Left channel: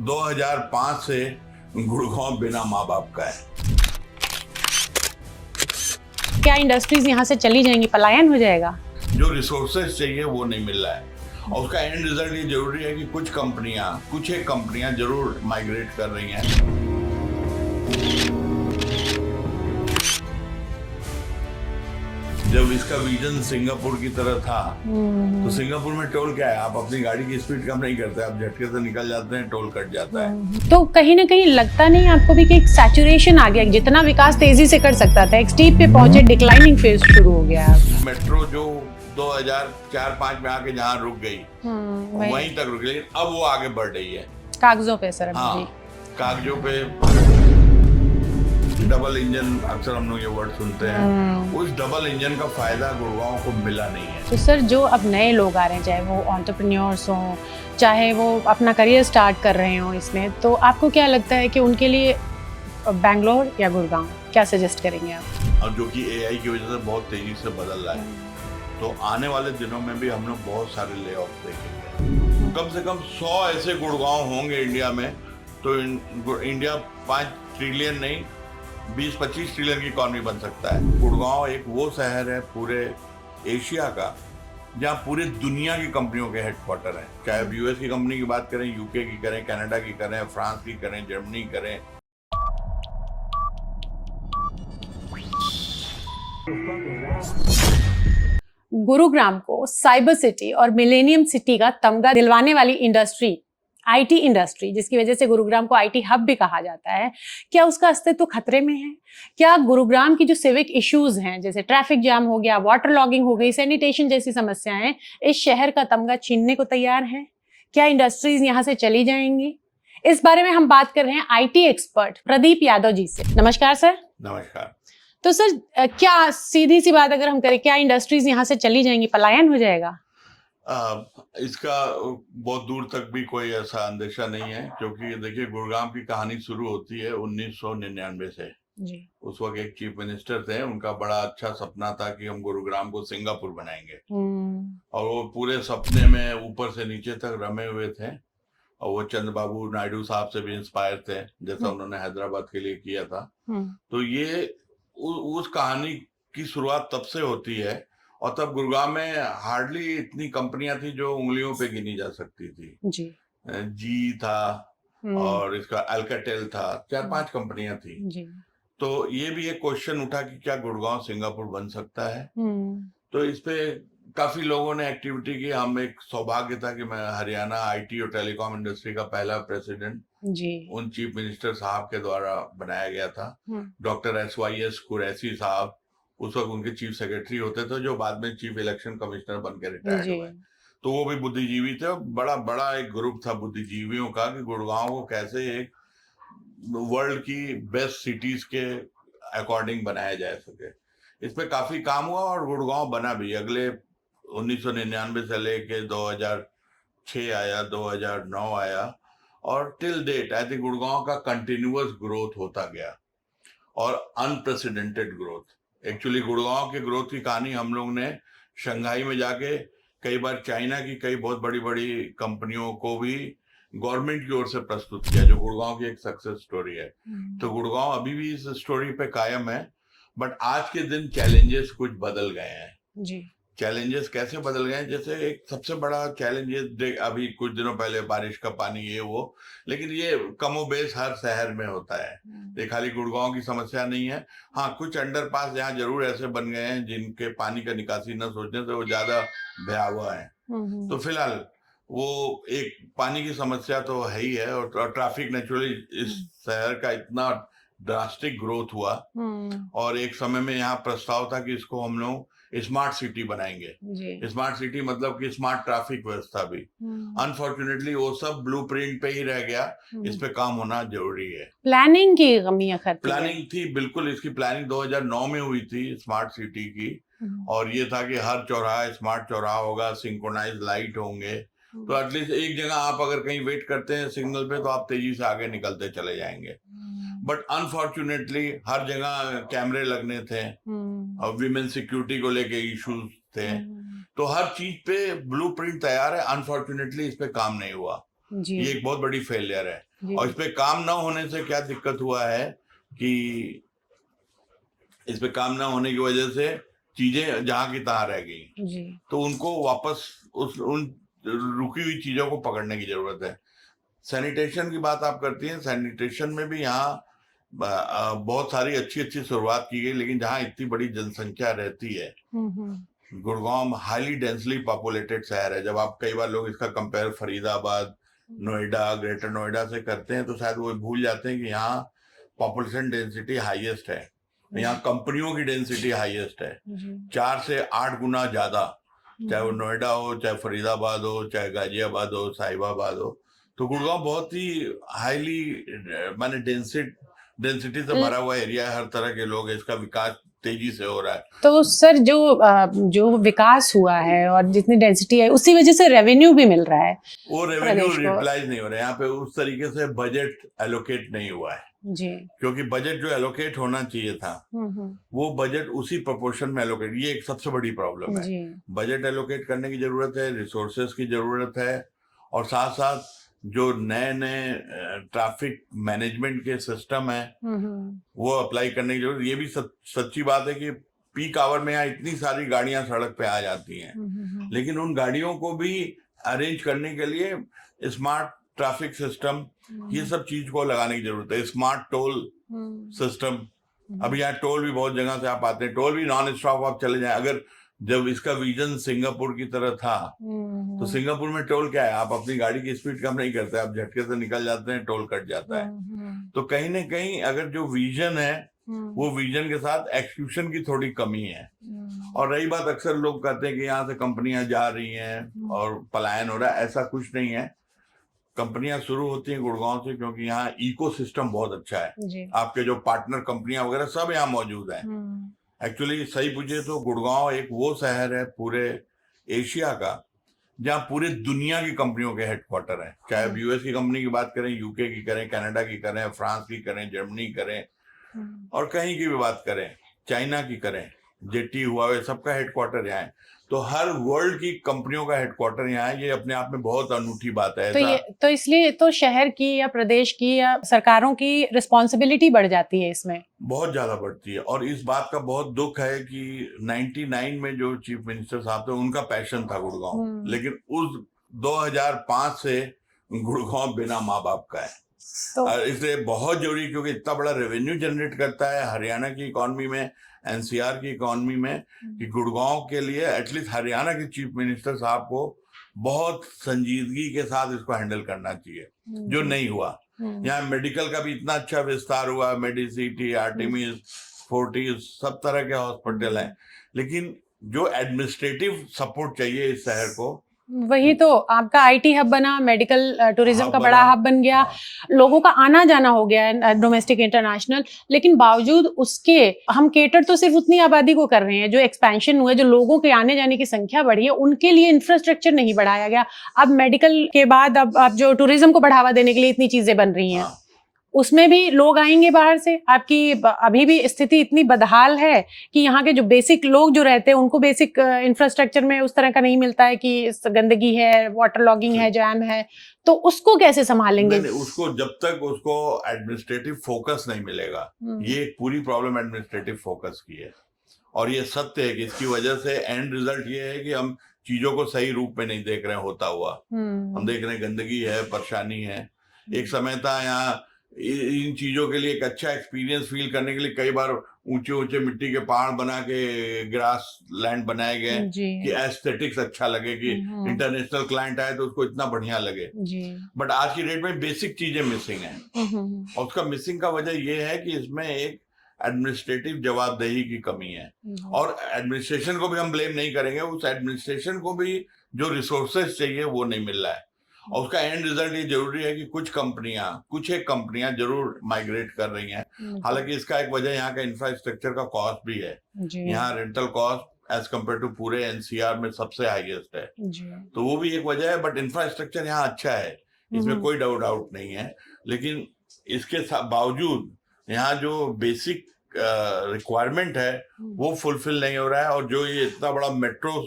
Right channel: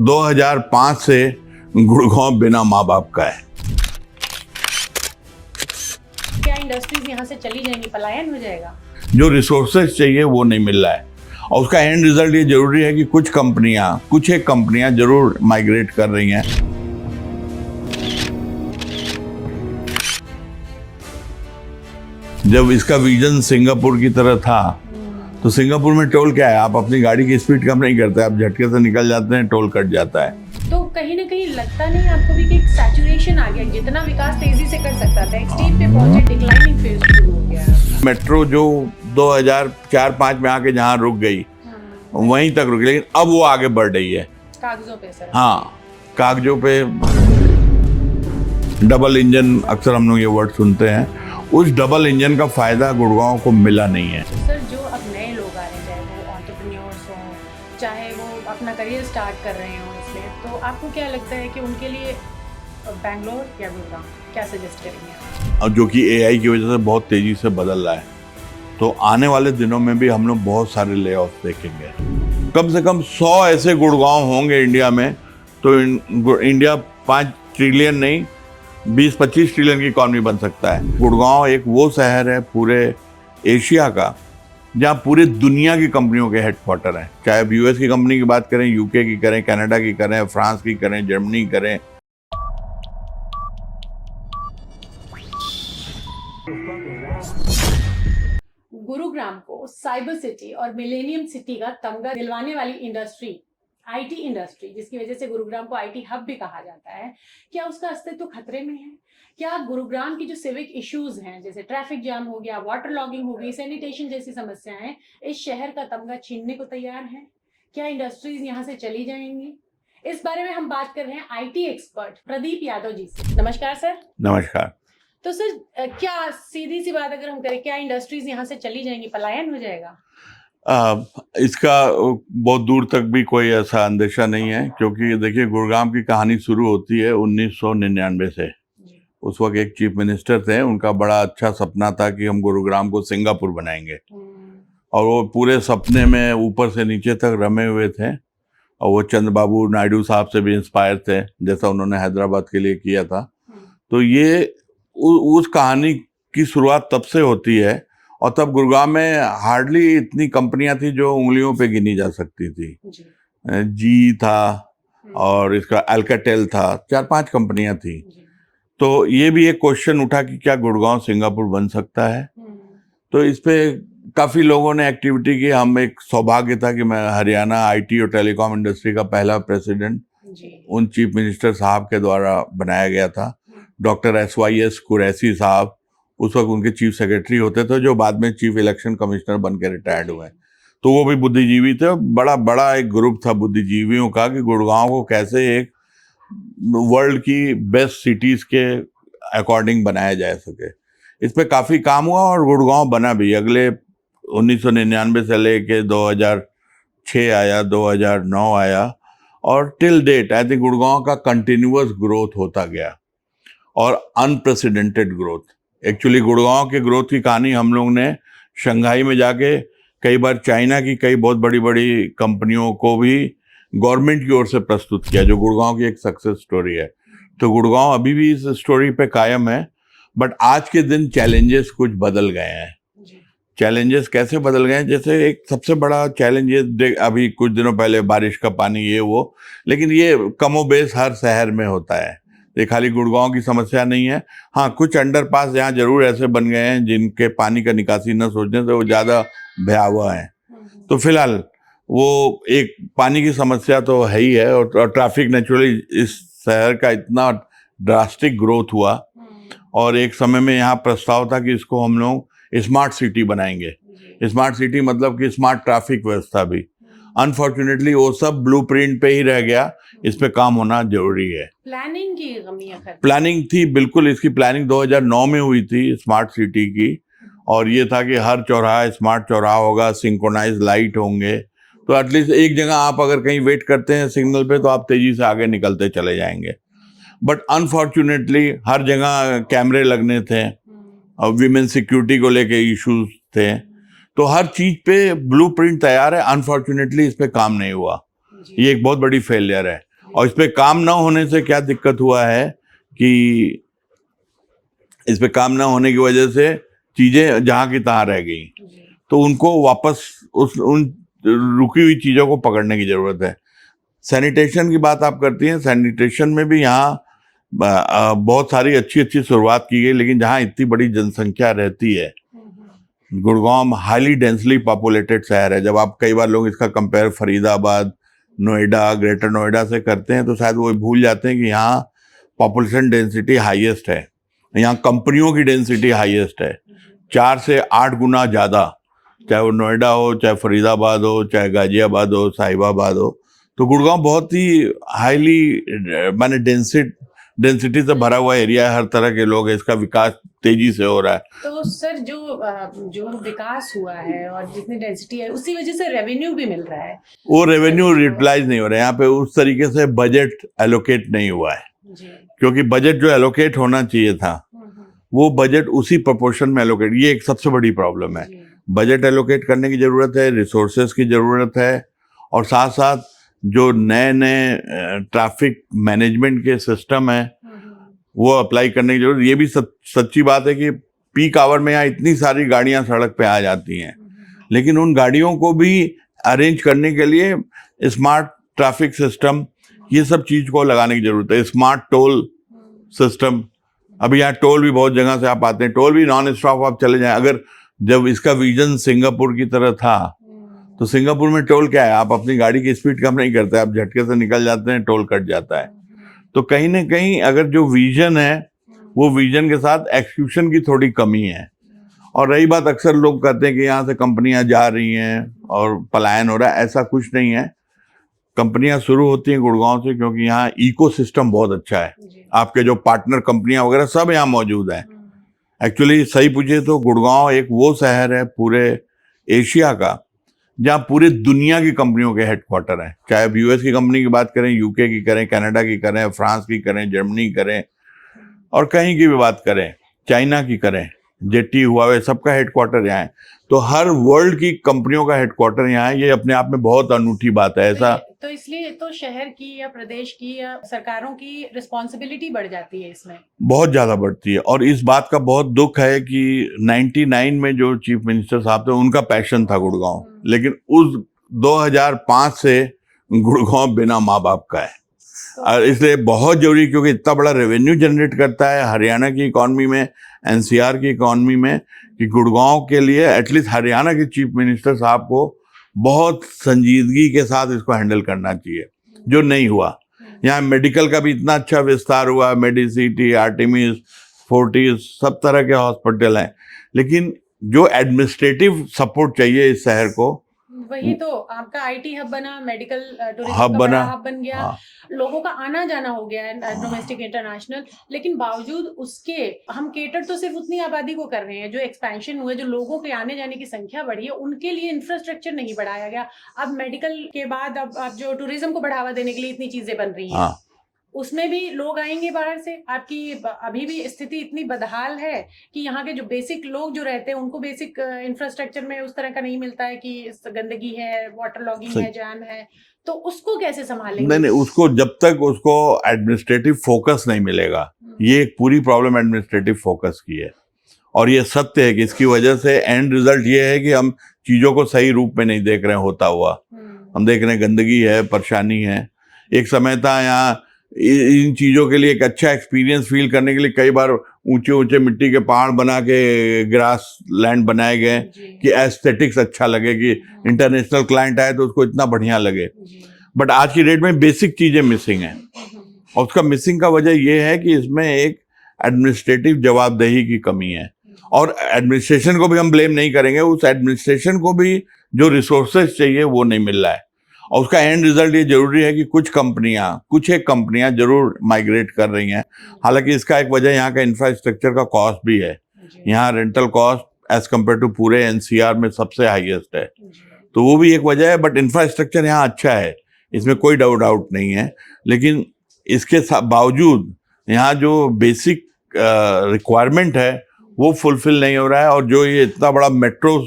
2005 से गुड़गांव बिना माँ बाप का है। क्या इंडस्ट्रीज यहाँ से चली जाएंगी, पलायन हो जाएगा? जो रिसोर्सेज चाहिए वो नहीं मिल रहा है और उसका एंड रिजल्ट ये जरूरी है कि कुछ एक कंपनियां जरूर माइग्रेट कर रही हैं। जब इसका विजन सिंगापुर की तरह था तो सिंगापुर में टोल क्या है, आप अपनी गाड़ी की स्पीड कम नहीं करते, आप झटके से निकल जाते हैं, टोल कट जाता है। तो कहीं ना कहीं लगता नहीं आपको भी कि एक सैचुरेशन आ गया, जितना विकास तेजी से कर सकता था एक स्टीप पे पहुंचे, डिक्लाइनिंग फेज शुरू हो गया। मेट्रो जो 2004-05 में आके जहाँ रुक गई वहीं तक रुक, लेकिन अब वो आगे बढ़ रही है कागजों पे सर। हाँ, कागजों पे डबल इंजन, अक्सर हम लोग ये वर्ड सुनते हैं, उस डबल इंजन का फायदा गुड़गांव को मिला नहीं है। तो सर जो अब नए लोग आ रहे हैं, चाहे वो एंटरप्रेन्योर्स हों, चाहे वो अपना करियर स्टार्ट कर रहे हो इसमें, तो आपको क्या लगता है कि उनके लिए बैंगलोर या गुड़गांव क्या सजेस्ट करेंगे आप? और जो कि एआई की वजह से बहुत तेजी से बदल रहा है, तो आने वाले दिनों में भी हम लोग बहुत सारे ले ऑफ देखेंगे। कम से कम 100 ऐसे गुड़गांव होंगे इंडिया में, तो इंडिया 5 ट्रिलियन नहीं 20-25 ट्रिलियन की इकॉनमी बन सकता है। गुड़गांव एक वो शहर है पूरे एशिया का जहाँ पूरे दुनिया की कंपनियों के हेडक्वार्टर हैं, चाहे अब यूएस की कंपनी की बात करें, यूके की करें, कनाडा की करें, फ्रांस की करें, जर्मनी करें। गुरुग्राम को साइबर सिटी और मिलेनियम सिटी का तमगा दिलवाने वाली इंडस्ट्री, आईटी इंडस्ट्री, जिसकी वजह से गुरुग्राम को आईटी हब भी कहा जाता है, क्या उसका अस्तित्व खतरे में है? क्या गुरुग्राम की जो सिविक इश्यूज हैं, जैसे ट्रैफिक जाम हो गया, वाटर लॉगिंग हो गई, सैनिटेशन जैसी समस्याएं, इस शहर का तमगा छीनने को तैयार हैं? क्या इंडस्ट्रीज यहाँ से चली जाएंगी? इस बारे में हम बात कर रहे हैं आईटी एक्सपर्ट प्रदीप यादव जी से। नमस्कार सर। नमस्कार। तो सर क्या सीधी सी बात अगर हम करें, क्या इंडस्ट्रीज यहाँ से चली जाएंगी, पलायन हो जाएगा? इसका बहुत दूर तक भी कोई ऐसा अंदेशा नहीं है, क्योंकि देखिए गुड़गांव की कहानी शुरू होती है 1999 से जी। उस वक्त एक चीफ मिनिस्टर थे, उनका बड़ा अच्छा सपना था कि हम गुरुग्राम को सिंगापुर बनाएंगे, और वो पूरे सपने में ऊपर से नीचे तक रमे हुए थे, और वो चंद्रबाबू नायडू साहब से भी इंस्पायर थे, जैसा उन्होंने हैदराबाद के लिए किया था। तो ये उस कहानी की शुरुआत तब से होती है, और तब गुरुग्राम में हार्डली इतनी कंपनियां थी जो उंगलियों पे गिनी जा सकती थी जी था, और इसका अल्काटेल था, 4-5 कंपनियां थी जी। तो ये भी एक क्वेश्चन उठा कि क्या गुड़गांव सिंगापुर बन सकता है। तो इस पे काफी लोगों ने एक्टिविटी की। हम एक सौभाग्य था कि मैं हरियाणा आईटी और टेलीकॉम इंडस्ट्री का पहला प्रेसिडेंट उन चीफ मिनिस्टर साहब के द्वारा बनाया गया था। डॉक्टर SYS कुरैशी साहब उस वक्त उनके चीफ सेक्रेटरी होते थे, जो बाद में चीफ इलेक्शन कमिश्नर बन के रिटायर्ड हुए। तो वो भी बुद्धिजीवी थे, बड़ा एक ग्रुप था बुद्धिजीवियों का कि गुड़गांव को कैसे एक वर्ल्ड की बेस्ट सिटीज के अकॉर्डिंग बनाया जा सके। इस पे काफी काम हुआ और गुड़गांव बना भी। अगले 1999 से लेके 2006 आया, 2009 आया, और till date I think Gurgaon का कंटिन्यूअस ग्रोथ होता गया, और अनप्रेसिडेंटेड ग्रोथ। एक्चुअली गुड़गांव के ग्रोथ की कहानी हम लोग ने शंघाई में जाके कई बार चाइना की कई बहुत बड़ी बड़ी कंपनियों को भी गवर्नमेंट की ओर से प्रस्तुत किया, जो गुड़गांव की एक सक्सेस स्टोरी है। तो गुड़गांव अभी भी इस स्टोरी पे कायम है, बट आज के दिन चैलेंजेस कुछ बदल गए हैं। चैलेंजेस कैसे बदल गए हैं? जैसे एक सबसे बड़ा चैलेंज ये, अभी कुछ दिनों पहले बारिश का पानी ये वो, लेकिन ये कमोबेश हर शहर में होता है, ये खाली गुड़गांव की समस्या नहीं है। हाँ, कुछ अंडरपास यहाँ जरूर ऐसे बन गए हैं जिनके पानी का निकासी न सोचने से वो ज्यादा भयावह है। तो फिलहाल वो एक पानी की समस्या तो है ही है, और ट्रैफिक नेचुरली इस शहर का इतना ड्रास्टिक ग्रोथ हुआ, और एक समय में यहाँ प्रस्ताव था कि इसको हम लोग स्मार्ट सिटी बनाएंगे। स्मार्ट सिटी मतलब कि स्मार्ट ट्रैफिक व्यवस्था भी। अनफॉर्चुनेटली वो सब ब्लूप्रिंट पे ही रह गया, इस पे काम होना जरूरी है। प्लानिंग की कमी है। प्लानिंग थी, बिल्कुल। इसकी प्लानिंग 2009 में हुई थी स्मार्ट सिटी की, और ये था कि हर चौराहा स्मार्ट चौराहा होगा, सिंक्रोनाइज लाइट होंगे, तो एटलीस्ट एक जगह आप अगर कहीं वेट करते हैं सिग्नल पे तो आप तेजी से आगे निकलते चले जाएंगे। बट अनफॉर्चुनेटली हर जगह कैमरे लगने थे, और विमेन सिक्योरिटी को लेके इश्यूज थे, तो हर चीज पे ब्लूप्रिंट तैयार है, अनफॉर्चुनेटली इस पे काम नहीं हुआ। ये एक बहुत बड़ी फेलियर है। और इस पे काम न होने से क्या दिक्कत हुआ है कि इस पे काम न होने की वजह से चीजें जहां की तहां रह गई, तो उनको वापस उन रुकी हुई चीजों को पकड़ने की जरूरत है। सैनिटेशन की बात आप करती हैं, सैनिटेशन में भी यहाँ बहुत सारी अच्छी अच्छी शुरुआत की गई, लेकिन जहाँ इतनी बड़ी जनसंख्या रहती है, गुड़गांव हाईली डेंसली पॉपुलेटेड शहर है। जब आप कई बार लोग इसका कंपेयर फरीदाबाद, नोएडा, ग्रेटर नोएडा से करते हैं तो शायद वो भूल जाते हैं कि यहाँ पॉपुलेशन डेंसिटी हाईएस्ट है, यहाँ कंपनियों की डेंसिटी हाईएस्ट है, 4 से 8 गुना ज्यादा, चाहे वो नोएडा हो, चाहे फरीदाबाद हो, चाहे गाजियाबाद हो, साहिबाबाद हो। तो गुड़गांव बहुत ही हाईली माने डेंसिटी से भरा हुआ एरिया है, हर तरह के लोग हैं, इसका विकास तेजी से हो रहा है। तो सर जो विकास हुआ है और जितनी डेंसिटी है उसी वजह से रेवेन्यू भी मिल रहा है, वो रेवेन्यू यूटिलाइज नहीं हो रहा है। यहाँ पे उस तरीके से बजट एलोकेट नहीं हुआ है जी, क्योंकि बजट जो एलोकेट होना चाहिए था वो बजट उसी प्रोपोर्शन में एलोकेट, ये एक सबसे बड़ी प्रॉब्लम है। बजट एलोकेट करने की जरूरत है, रिसोर्सेज की जरूरत है, और साथ साथ जो नए नए ट्रैफिक मैनेजमेंट के सिस्टम है वो अप्लाई करने की जरूरत। ये भी सच्ची बात है कि पीक आवर में यहाँ इतनी सारी गाड़ियां सड़क पे आ जाती हैं, लेकिन उन गाड़ियों को भी अरेंज करने के लिए स्मार्ट ट्रैफिक सिस्टम, ये सब चीज को लगाने की जरूरत है। स्मार्ट टोल सिस्टम, अभी यहाँ टोल भी बहुत जगह से आप आते हैं, टोल भी नॉन स्टॉप आप चले जाएं। अगर जब इसका विजन सिंगापुर की तरह था तो सिंगापुर में टोल क्या है, आप अपनी गाड़ी की स्पीड कम नहीं करते, आप झटके से निकल जाते हैं, टोल कट जाता है। तो कहीं ना कहीं अगर जो विजन है वो विजन के साथ एक्सक्यूशन की थोड़ी कमी है। और रही बात, अक्सर लोग कहते हैं कि यहाँ से कंपनियां जा रही हैं और पलायन हो रहा है, ऐसा कुछ नहीं है। कंपनियां शुरू होती हैं गुड़गांव से क्योंकि यहाँ इकोसिस्टम बहुत अच्छा है, आपके जो पार्टनर कंपनियां वगैरह सब यहाँ मौजूद हैं। एक्चुअली सही पूछे तो गुड़गांव एक वो शहर है पूरे एशिया का जहाँ पूरे दुनिया की कंपनियों के हेडक्वार्टर हैं, चाहे अब यूएस की कंपनी की बात करें, यूके की करें, कनाडा की करें, फ्रांस की करें, जर्मनी की करें, और कहीं की भी बात करें, चाइना की करें, जेटी, हुआवे, सबका हेडक्वार्टर यहाँ है। तो हर वर्ल्ड की कंपनियों का हेडक्वार्टर यहाँ है, ये अपने आप में बहुत अनूठी बात है। ऐसा तो इसलिए तो शहर की या प्रदेश की या सरकारों की रिस्पॉन्सिबिलिटी बढ़ जाती है, इसमें बहुत ज्यादा बढ़ती है। और इस बात का बहुत दुख है कि 99 में जो चीफ मिनिस्टर साहब थे उनका पैशन था गुड़गांव, लेकिन उस 2005 से गुड़गांव बिना माँ बाप का है। और इसलिए बहुत जरूरी, क्योंकि इतना बड़ा रेवेन्यू जनरेट करता है हरियाणा की इकोनॉमी में, एनसीआर की इकोनॉमी में, कि गुड़गांव के लिए एटलीस्ट हरियाणा के चीफ मिनिस्टर साहब को बहुत संजीदगी के साथ इसको हैंडल करना चाहिए, जो नहीं हुआ। यहाँ मेडिकल का भी इतना अच्छा विस्तार हुआ, मेडिसिटी, आर्टिमिस, फोर्टिस, सब तरह के हॉस्पिटल हैं, लेकिन जो एडमिनिस्ट्रेटिव सपोर्ट चाहिए इस शहर को, वही तो आपका आईटी हब बना, मेडिकल टूरिज्म का बड़ा हब बन गया, लोगों का आना जाना हो गया डोमेस्टिक इंटरनेशनल, लेकिन बावजूद उसके हम केटर तो सिर्फ उतनी आबादी को कर रहे हैं। जो एक्सपेंशन हुआ, जो लोगों के आने जाने की संख्या बढ़ी है, उनके लिए इंफ्रास्ट्रक्चर नहीं बढ़ाया गया। अब मेडिकल के बाद अब जो टूरिज्म को बढ़ावा देने के लिए इतनी चीजें बन रही हैं, उसमें भी लोग आएंगे बाहर से। आपकी अभी भी स्थिति इतनी बदहाल है कि यहाँ के जो बेसिक लोग जो रहते हैं उनको बेसिक इंफ्रास्ट्रक्चर में उस तरह का नहीं मिलता है, कि गंदगी है, वाटर लॉगिंग है, जैम है, तो उसको कैसे संभालेंगे? नहीं, उसको जब तक उसको एडमिनिस्ट्रेटिव फोकस नहीं मिलेगा, ये एक पूरी प्रॉब्लम एडमिनिस्ट्रेटिव फोकस की है। और ये सत्य है कि इसकी वजह से एंड रिजल्ट ये है कि हम चीजों को सही रूप में नहीं देख रहे हैं होता हुआ। हम देख रहे हैं गंदगी है, परेशानी है। एक समय था यहाँ इन चीजों के लिए एक अच्छा एक्सपीरियंस फील करने के लिए कई बार ऊंचे ऊंचे मिट्टी के पहाड़ बना के ग्रास लैंड बनाए गए कि एस्थेटिक्स अच्छा लगे, कि इंटरनेशनल क्लाइंट आए तो उसको इतना बढ़िया लगे। बट आज की डेट में बेसिक चीजें मिसिंग हैं, और उसका मिसिंग का वजह यह है कि इसमें एक एडमिनिस्ट्रेटिव जवाबदेही की कमी है। और एडमिनिस्ट्रेशन को भी हम ब्लेम नहीं करेंगे, उस एडमिनिस्ट्रेशन को भी जो रिसोर्सेज चाहिए वो नहीं मिल रहा है। और उसका एंड रिजल्ट ये जरूरी है कि कुछ एक कंपनियां जरूर माइग्रेट कर रही हैं। हालांकि इसका एक वजह यहाँ का इंफ्रास्ट्रक्चर का कॉस्ट भी है। यहाँ rental cost as compared to पूरे एनसीआर में सबसे हाईएस्ट है, तो वो भी एक वजह है। बट इंफ्रास्ट्रक्चर यहाँ अच्छा है, इसमें कोई डाउट नहीं है। लेकिन इसके बावजूद यहाँ जो बेसिक रिक्वायरमेंट है वो फुलफिल नहीं हो रहा है। और जो ये इतना बड़ा मेट्रो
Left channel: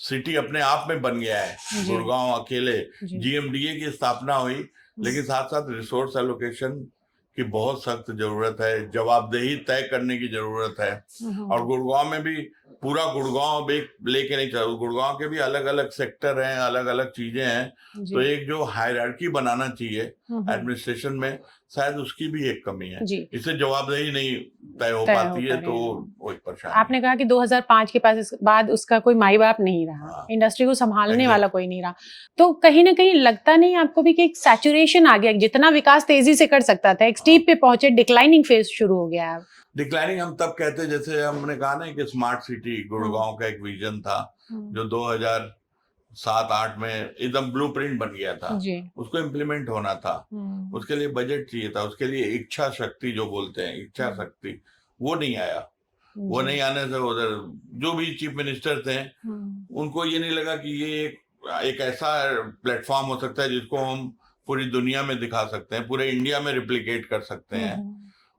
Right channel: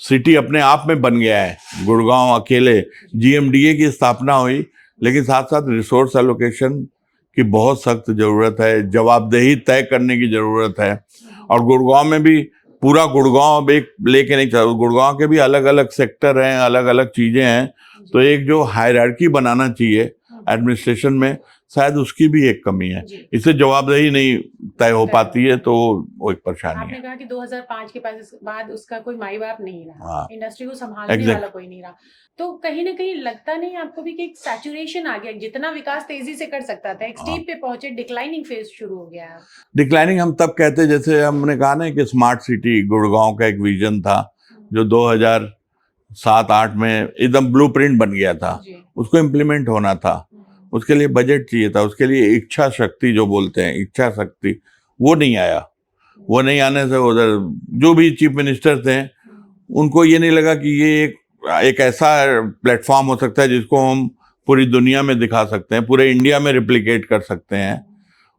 सिटी अपने आप में बन गया है गुड़गांव, अकेले जीएमडीए की स्थापना हुई लेकिन साथ साथ रिसोर्स एलोकेशन की बहुत सख्त जरूरत है, जवाबदेही तय करने की जरूरत है। और गुड़गांव में भी पूरा गुड़गांव अब एक लेके नहीं चल, गुड़गांव के भी अलग अलग सेक्टर हैं, अलग अलग चीजें हैं। तो एक जो हायरार्की बनाना चाहिए एडमिनिस्ट्रेशन में, शायद उसकी भी एक कमी है। इससे जवाबदेही नहीं तय हो पाती है, तो वो एक परेशानी है। आपने कहा कि 2005 के बाद उसका कोई माई बाप नहीं रहा, इंडस्ट्री को संभालने वाला कोई नहीं रहा। तो कहीं ना कहीं लगता नहीं आपको भी कि एक सैचुरेशन आ गया, जितना विकास तेजी से कर सकता था एक स्टीप पे पहुंचे, डिक्लाइनिंग फेज शुरू हो गया है? डिक्लाइनिंग हम तब कहते, जैसे हमने कहा ना कि स्मार्ट सिटी गुड़गांव का एक विजन था जो 2007-8 में एकदम ब्लूप्रिंट बन गया था, उसको इम्प्लीमेंट होना था। उसके लिए बजट चाहिए था, उसके लिए इच्छा शक्ति जो बोलते हैं, इच्छा शक्ति, वो नहीं आया। वो नहीं आने से उधर जो भी चीफ मिनिस्टर थे उनको ये नहीं लगा कि ये एक ऐसा प्लेटफॉर्म हो सकता है जिसको हम पूरी दुनिया में दिखा सकते हैं, पूरे इंडिया में रिप्लिकेट कर सकते हैं।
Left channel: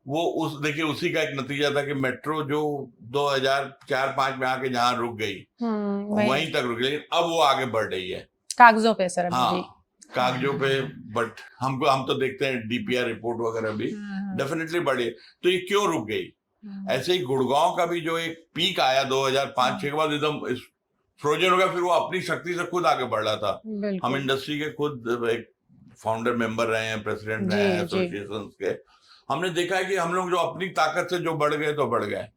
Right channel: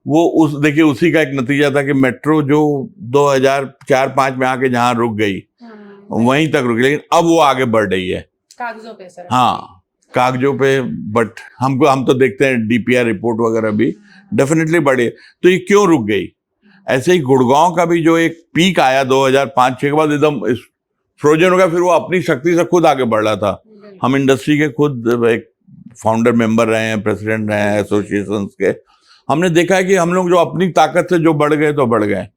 वो देखिए उसी का एक नतीजा था कि मेट्रो जो 2004-5 में आके जहां रुक गई वहीं तक रुक गई, लेकिन अब वो आगे बढ़ रही है कागजों पे सर। हाँ, कागजों पे, बट हम तो देखते हैं डीपीआर रिपोर्ट वगैरह भी डेफिनेटली बढ़ी। तो ये क्यों रुक गई? ऐसे ही गुड़गांव का भी जो एक पीक आया 2005-6 के बाद एकदम फ्रोजन हो गया, फिर वो अपनी शक्ति से खुद आगे बढ़ रहा था। हम इंडस्ट्री के खुद एक फाउंडर मेंबर रहे हैं, प्रेसिडेंट रहे हैं एसोसिएशन के। हमने देखा है कि हम लोग जो अपनी ताकत से जो बढ़ गए तो बढ़ गए,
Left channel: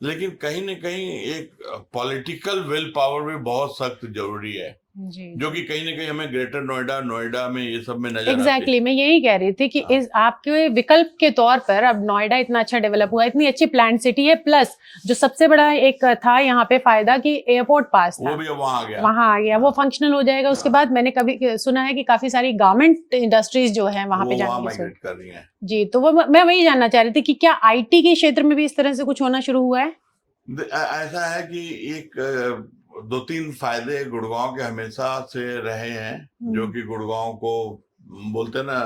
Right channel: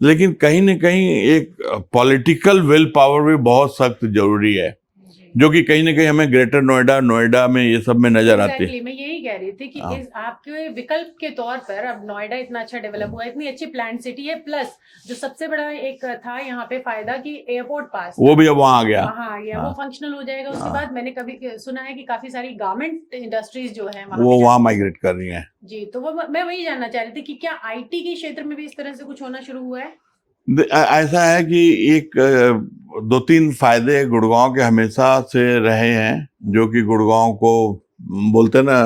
लेकिन कहीं न कहीं एक पॉलिटिकल विल पावर भी बहुत सख्त जरूरी है, जो कि कहीं ना कहीं हमें ग्रेटर नोएडा में ये सब में नजर आती है। मैं यही कह रही थी कि इस आपके विकल्प के तौर पर अब नोएडा इतना अच्छा डेवलप हुआ, इतनी अच्छी प्लान सिटी है, प्लस जो सबसे बड़ा एक था यहाँ पे फायदा कि एयरपोर्ट पास वो भी अब वहाँ आ गया, वो फंक्शनल हो जाएगा। उसके बाद मैंने कभी सुना है कि काफी सारी गारमेंट इंडस्ट्रीज जो है वहाँ माइग्रेट कर रही है जी। तो वो मैं वही जानना चाह रही थी कि क्या IT के क्षेत्र में भी इस तरह से कुछ होना शुरू हुआ है? ऐसा है कि एक 2-3 फायदे गुड़गांव के हमेशा से रहे हैं, जो कि गुड़गांव को बोलते हैं ना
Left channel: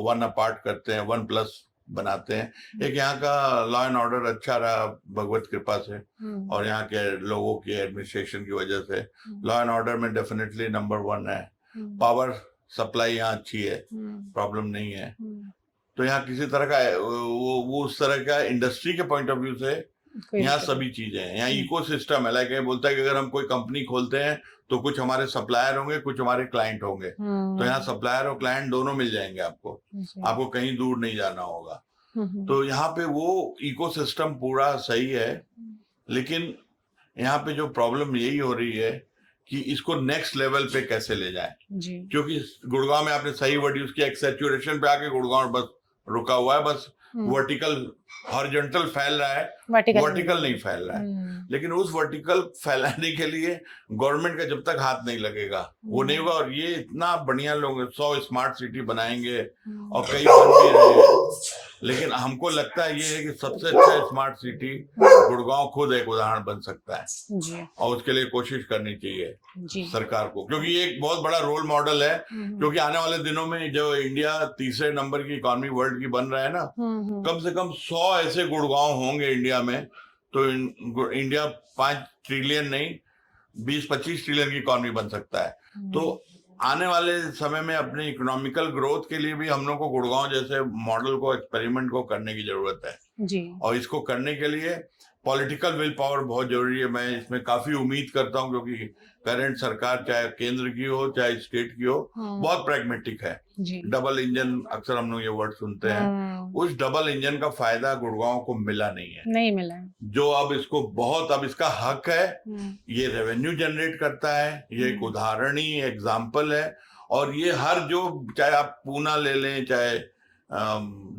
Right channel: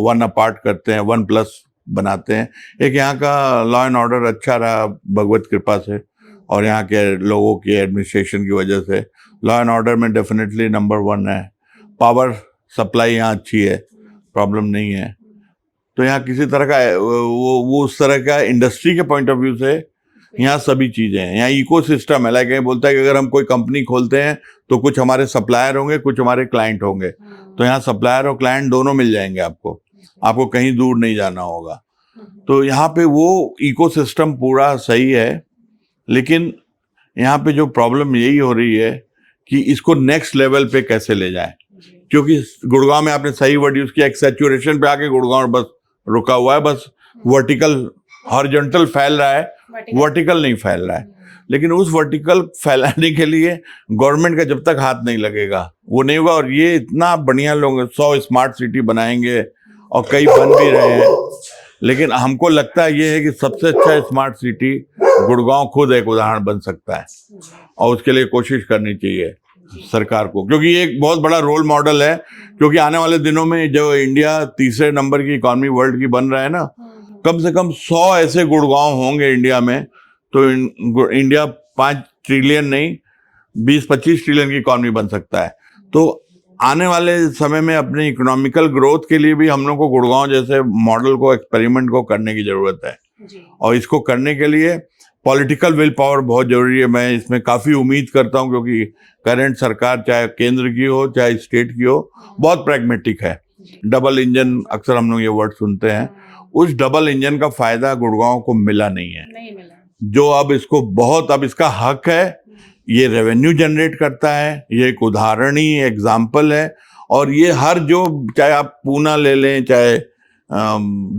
वन अपार्ट करते हैं, 1+ बनाते हैं। एक यहाँ का लॉ एंड ऑर्डर अच्छा रहा भगवत कृपा से, और यहाँ के लोगों की एडमिनिस्ट्रेशन की वजह से लॉ एंड ऑर्डर में डेफिनेटली नंबर 1 है। पावर सप्लाई यहाँ अच्छी है, प्रॉब्लम नहीं है। तो यहाँ किसी तरह का वो उस तरह का इंडस्ट्री के पॉइंट ऑफ व्यू से यहाँ सभी चीजें हैं। यहाँ इकोसिस्टम है, लाइक ये बोलता है कि अगर हम कोई कंपनी खोलते हैं तो कुछ हमारे सप्लायर होंगे, कुछ हमारे क्लाइंट होंगे। तो यहाँ सप्लायर और क्लाइंट दोनों मिल जाएंगे आपको कहीं दूर नहीं जाना होगा। तो यहाँ पे वो इकोसिस्टम पूरा सही है, लेकिन यहाँ पे जो प्रॉब्लम यही हो रही है कि इसको नेक्स्ट लेवल पे कैसे ले जाए, क्योंकि गुड़गांव में आपने सही वर्ड यूज किया, एक सैचुरेशन पे आके गुड़गांव बस रुका हुआ है, बस वर्टिकल हॉरिजॉन्टल फैल रहा है, वर्टिकल नहीं फैल रहा है। लेकिन उस वर्टिकल फैलाने के लिए गवर्नमेंट का जब तक हाथ नहीं लगेगा वो नहीं होगा। और ये इतना बढ़िया लोग 100 स्मार्ट सिटी बनाएंगे और कई बन भी रहे हैं, लेकिन हमको लगता है ये है कि सबसे अच्छा स्मार्ट सिटी गुड़गांव खुद एक उदाहरण बन सकता है, और उसके लिए कोशिश करनी चाहिए सरकार को, क्योंकि ये एक बहुत बड़ा रोल मॉडल है। क्योंकि आने वाले दिनों में जो इंडिया तीसरे नंबर की इकॉनमी वर्ल्ड की बन रहा है ना, कम से कम 100 ऐसे गुड़गांव होंगे इंडिया में, तो इंडिया 5 ट्रिलियन नहीं 20-25 ट्रिलियन की इकॉनमी बन सकता है। तो आने वाले समय में अपने इकोनॉमिकल ग्रोथ के लिए भी हम लोग को गुड़गांव जैसे मॉडल को, एक्सपेरिमेंट को करने की जरूरत है और इसको करने के लिए पॉलिटिकल विल पावर बहुत जरूरी है। मैं इसमें काफी उम्मीद करता हूं, क्योंकि करंट सरकार चाहे केंद्र की हो चाहे स्टेट की हो, बहुत प्रैग्मेटिक है। डबल इंजन अक्सर हम लोग ये वर्ड सुनते हैं, उस डबल इंजन का फायदा गुड़गांव को मिला नहीं मिला। जो अब इसका हक है, ये रेवेन्यू जनरेट करता है, ये एक उदाहरण ही एग्जाम्पल है। और ये हर जो, चाहे आप पूना ले लें, चाहे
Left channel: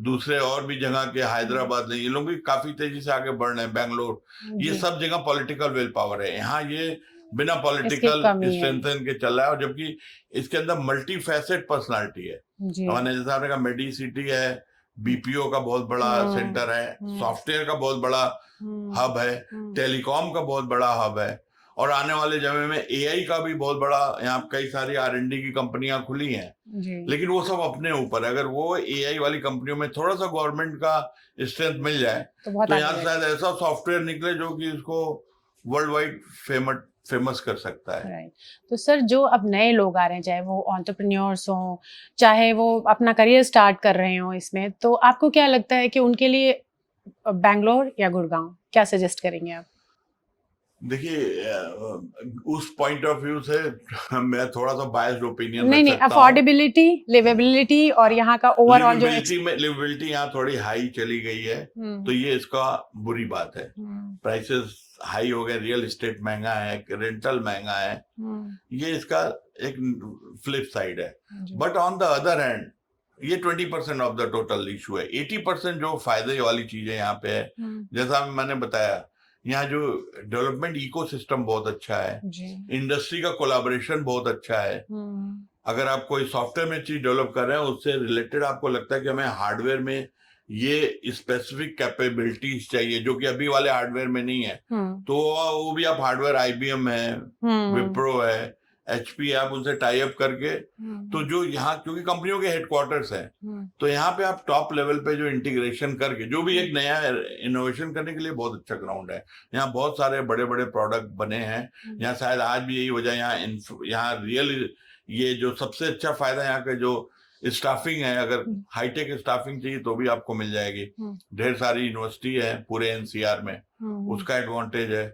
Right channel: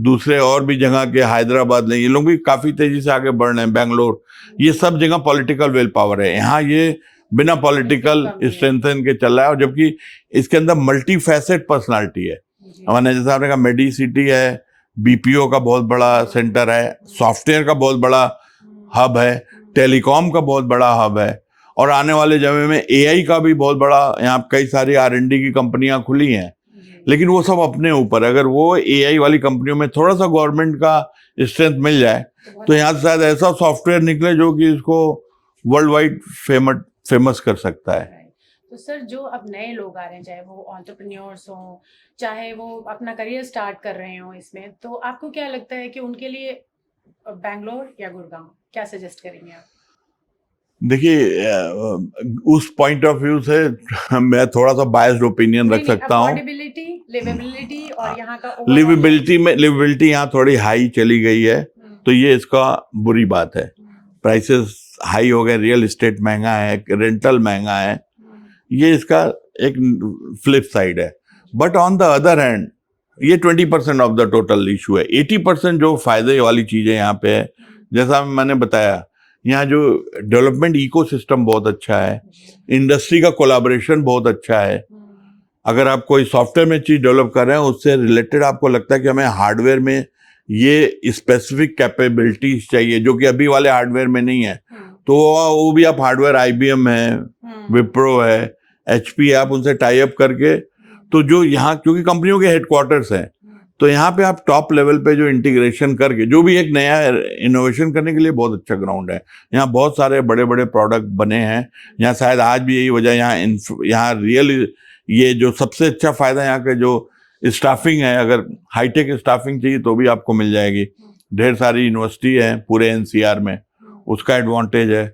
दूसरे और भी जगह के, हैदराबाद ले, ये लोग भी काफी तेजी से आगे बढ़ रहे हैं, बेंगलोर, ये सब जगह पॉलिटिकल विल पावर है। यहाँ ये बिना पॉलिटिकल स्ट्रेंथन के चल रहा है, और जबकि इसके अंदर मल्टी फैसेट पर्सनालिटी है। हमारे जैसा आपने कहा मेडी सिटी है, बीपीओ का बहुत बड़ा सेंटर है, सॉफ्टवेयर का बहुत बड़ा हब है, टेलीकॉम का बहुत बड़ा हब है, और आने वाले समय में एआई का भी बहुत बड़ा, यहाँ कई सारी R&D की कंपनियां खुली हैं। लेकिन वो सब अपने ऊपर, अगर वो एआई वाली कंपनियों में थोड़ा सा गवर्नमेंट का स्ट्रेंथ मिल जाए तो यहाँ शायद ऐसा सॉफ्टवेयर निकले जो कि इसको वर्ल्ड वाइड फेमस कर सकता है। तो सर जो अब नए लोग आ रहे हैं, चाहे वो एंटरप्रेन्योर्स हों, चाहे वो अपना करियर स्टार्ट कर रहे हों इसमें, तो आपको क्या लगता है कि उनके लिए बैंगलोर या गुड़गांव, क्या सजेस्ट करेंगे आप? देखिए उस पॉइंट ऑफ व्यू से मैं थोड़ा सा बायस्ड ओपिनियन नहीं रख नहीं, सकता हूँ। अफोर्डेबिलिटी, लिवेबिलिटी और यहाँ का ओवरऑल जो लिविबिलिटी यहाँ थोड़ी हाई चली गई है, तो ये इसका बुरी बात है। प्राइसेस हाई हो गए, रियल एस्टेट महंगा है, रेंटल महंगा है, ये इसका एक फ्लिप साइड है। But on the other hand ये 20% ऑफ द टोटल इशू है। 80% जो फायदे वाली चीजें यहाँ पे है, जैसा मैंने बताया, यहाँ जो डेवलपमेंट इकोसिस्टम बहुत अच्छा है, इंडस्ट्री का कोलैबोरेशन बहुत अच्छा है। अगर आप कोई सॉफ्टवेयर में चीज डेवलप कर रहे हैं, उससे रिलेटेड आपको लगता है कि हमें हार्डवेयर में ये स्पेसिफिक कैपेबिलिटीज चाहिए जो कि अभी वाले हार्डवेयर में नहीं है, तो वो भी आप हार्डवेयर IBM है, विप्रो है, HP है, आप उनसे टाई अप करके, तो जो यहाँ क्योंकि कंपनियों के हेडक्वार्टर्स हैं, तो यहाँ पे आप टॉप लेवल पे जो इंटीग्रेशन करके जो भी एक नया इनोवेशन करने के लिए बहुत अच्छा ग्राउंड है। यहाँ बहुत सारे बड़े बड़े प्रोडक्ट बने हैं। यहाँ शायद आज भी यही वजह, यहाँ रियल ये जो सबसे अच्छा फायदा यहाँ के जो स्टाफिंग है, अगर हाईटेक स्टाफिंग चाहिए तो भी आपको मिल जाएगी। ढेर सारी यूनिवर्सिटी है पूरे NCR में, उसका एडवांटेज है।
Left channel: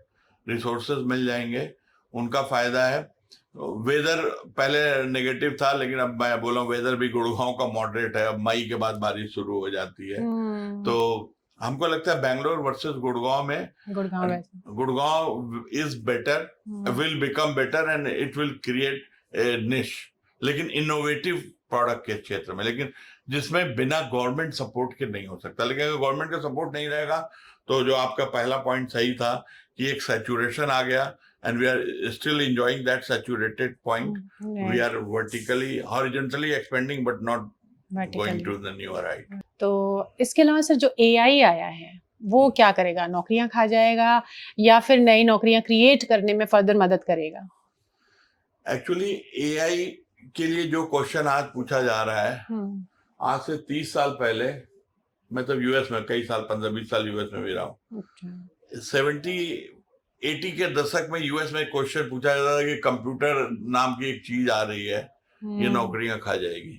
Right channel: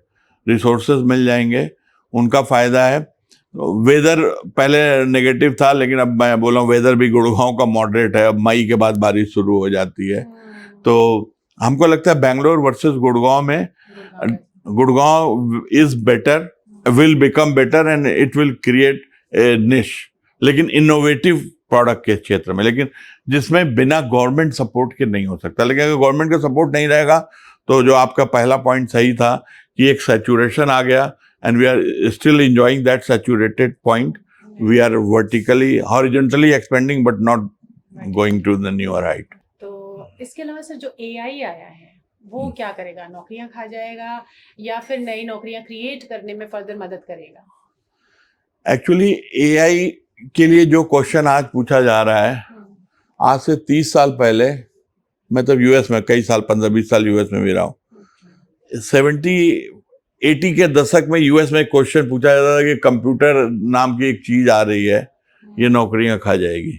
रिसोर्सेज मिल जाएंगे, उनका फायदा है। वेदर पहले नेगेटिव था, लेकिन अब मैं बोला वेदर भी गुड़गांव का मॉडरेट है। अब मई के बाद बारिश शुरू हो जाती है, तो हमको लगता है बैंगलोर वर्सेस गुड़गांव में Gurgaon is better, will become better and it will create a निश, लेकिन इनोवेटिव प्रोडक्ट के क्षेत्र में, लेकिन जिसमें बिना गवर्नमेंट सपोर्ट के नहीं हो सकता। लेकिन अगर गवर्नमेंट का सपोर्ट नहीं रहेगा तो जो आपका पहला पॉइंट सही था कि एक सैचुरेशन आ गया, and we are still enjoying that saturated point. We are vertically, horizontally expanding, but not going to the newer height. तो इसके अलावा सर जो AI आया है वो क्या करेगा? नौकरियां खा जाएगा या फिर नई नौकरियां क्रिएट करने में फर्दर मदद करेगा? एक्चुअली AI के लिए जो क्वेश्चन आज पूछा जा रहा है, आज से 30 साल पहले, मैं तब US में कई साल 15-20 साल US में भी रहा हूँ, 70-80 के दशक में US में क्वेश्चन पूछा जाता था कि कंप्यूटर नाम की एक चीज आ रही है, ये नौकरियां खा जाएगी,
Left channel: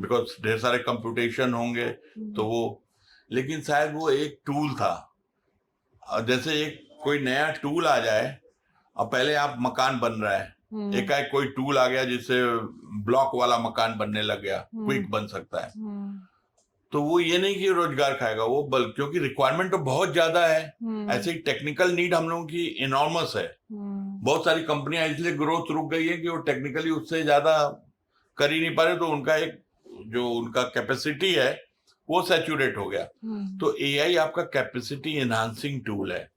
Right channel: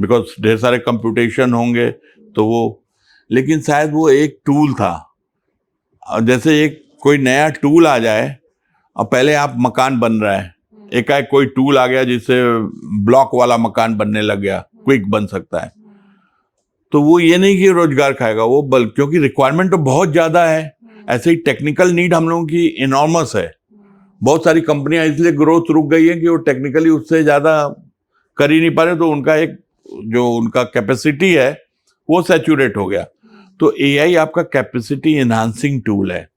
बिकॉज ढेर सारे कंप्यूटेशन होंगे, तो वो, लेकिन शायद वो एक टूल था। जैसे एक कोई नया टूल आ जाए, और पहले आप मकान बन रहा है, एकाएक कोई टूल आ गया जिससे ब्लॉक वाला मकान बनने लग गया, क्विक बन सकता है, तो वो ये नहीं कि रोजगार खाएगा वो, क्योंकि रिक्वायरमेंट तो बहुत ज्यादा है। ऐसे ही टेक्निकल नीड हम लोगों की इनॉर्मस है। बहुत सारी कंपनियां इसलिए ग्रोथ रुक गई है कि वो टेक्निकली उससे ज्यादा कर ही नहीं पा रहे, तो उनका एक जो उनका कैपेसिटी है वो सैचुरेट हो गया। तो AI आपका कैपेसिटी एनहांसिंग टूल है।